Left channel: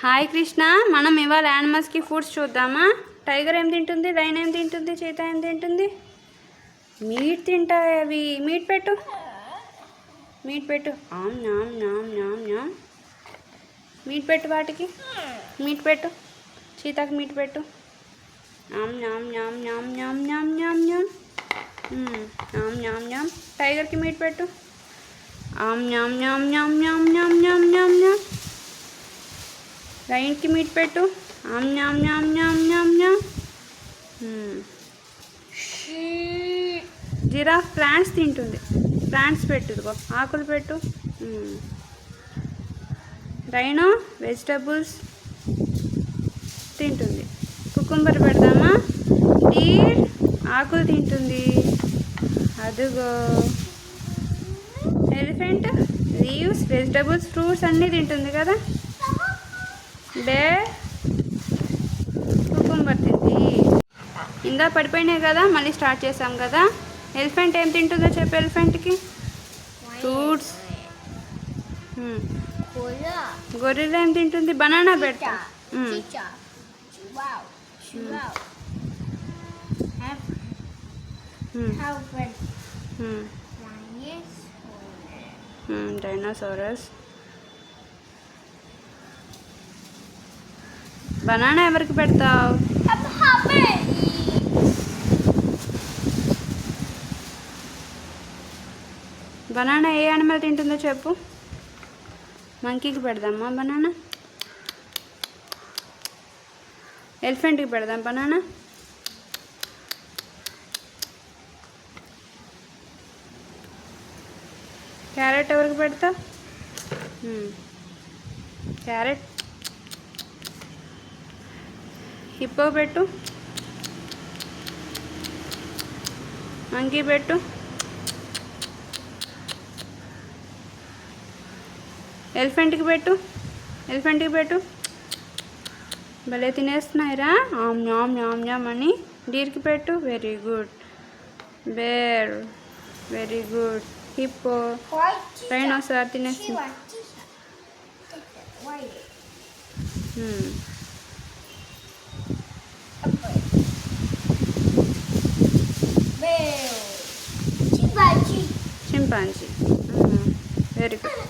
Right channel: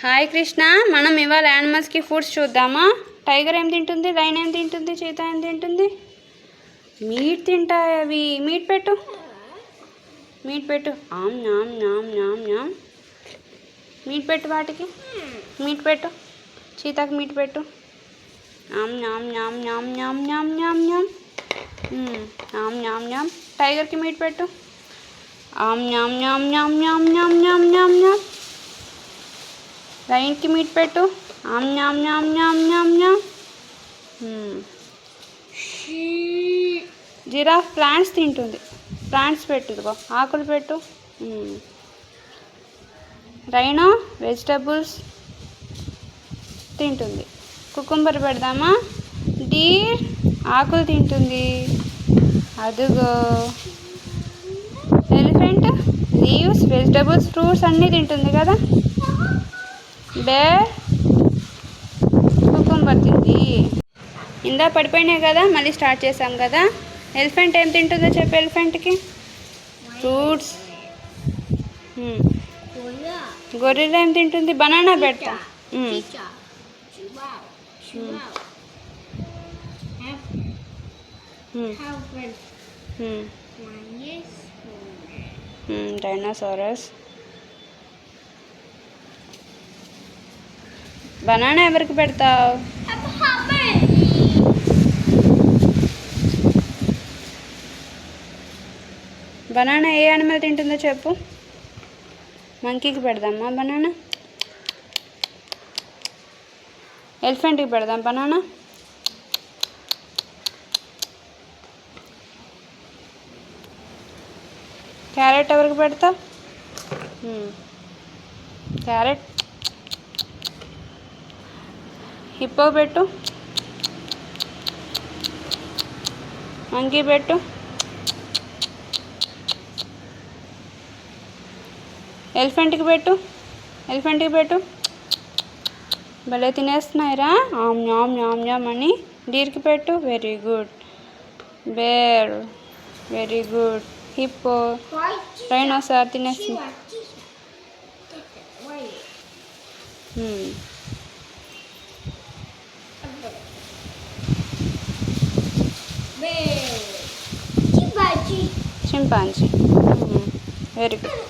Hi Krishna, మనం ఇవాళ యానిమల్స్కి foods చూద్దామా? టైగర్ ఏం తింటుంది, లైన్ ఏం తింటుంది, చీతా ఏం తింటుంది? మీట్ తింటాయి అవి. మీట్ పెట్టు, మీట్ పెట్టు. ఆమ్ నామ్ నామ్ నామ్ నామ్. మీట్ పెట్టు వాటికి, మీట్ పెట్టు. చీతాకి మీట్ పెట్టు. ఆమ్ నామ్ నామ్ నామ్ నామ్ నామ్ నామ్ నామ్. ఆమ్ నామ్ నామ్. టైగర్కి మీట్ పెట్టు. ఆమ్ నామ్ నామ్ నామ్ నామ్ నామ్ నామ్ నామ్ నామ్. లైన్కి మీట్ పెట్టు. ఆమ్ నామ్ నామ్ నామ్ నామ్ నామ్. జిరాఫ్ ప్లాంట్స్ తింటుంది. ప్లాంట్స్ పెట్టు, ఇదిగో ఆకులు పెట్టు. రైనో వెజిటబుల్స్ తింటుంది. కుకుంబర్ పెడదామా? డీర్ ఆకులు తింటుంది. అదుగో ఎలిఫెంట్ లీవ్స్, వెజిటబుల్స్, ఫ్రూట్స్ అన్నీ తింటుంది కదా. బేర్ కుకుంబర్ తింది. ఇందా పడిపోయినాయి కదా, మళ్ళీ స్టార్ట్ చేసాం కదా. ఎలిఫెంట్ ఏం తింటుందో చెప్పు. ఎలిఫెంట్కి ఫ్రూట్స్. గొర్రెలు ఏం తింటుంది? బనానా పెడతా. డైనోసారస్. బనానా ఎవరికి పెడతావు? బనానా ఏ యానిమల్ తింటుందో చెప్పు. మంకీకి పెడదామా బనానా? ఎలిఫెంట్కి పెడదాం బనానా? క్యారెట్ ఎవరికి పెడతావు? క్యారెట్. హిప్పో పెట్టు. మంకీ పెట్టు. ఎలిఫెంట్కి పెట్టు. ఎలిఫెంట్కి పెట్టు. భలే తినేస్తున్నాయిరా, ఆమ్ న్యామ్ న్యామ్ న్యామ్ అని. డీర్కి పెట్టు. Very good. Bear very good. Hippo, rhinoceros తినేస్తుంది. Chimpanzee very good.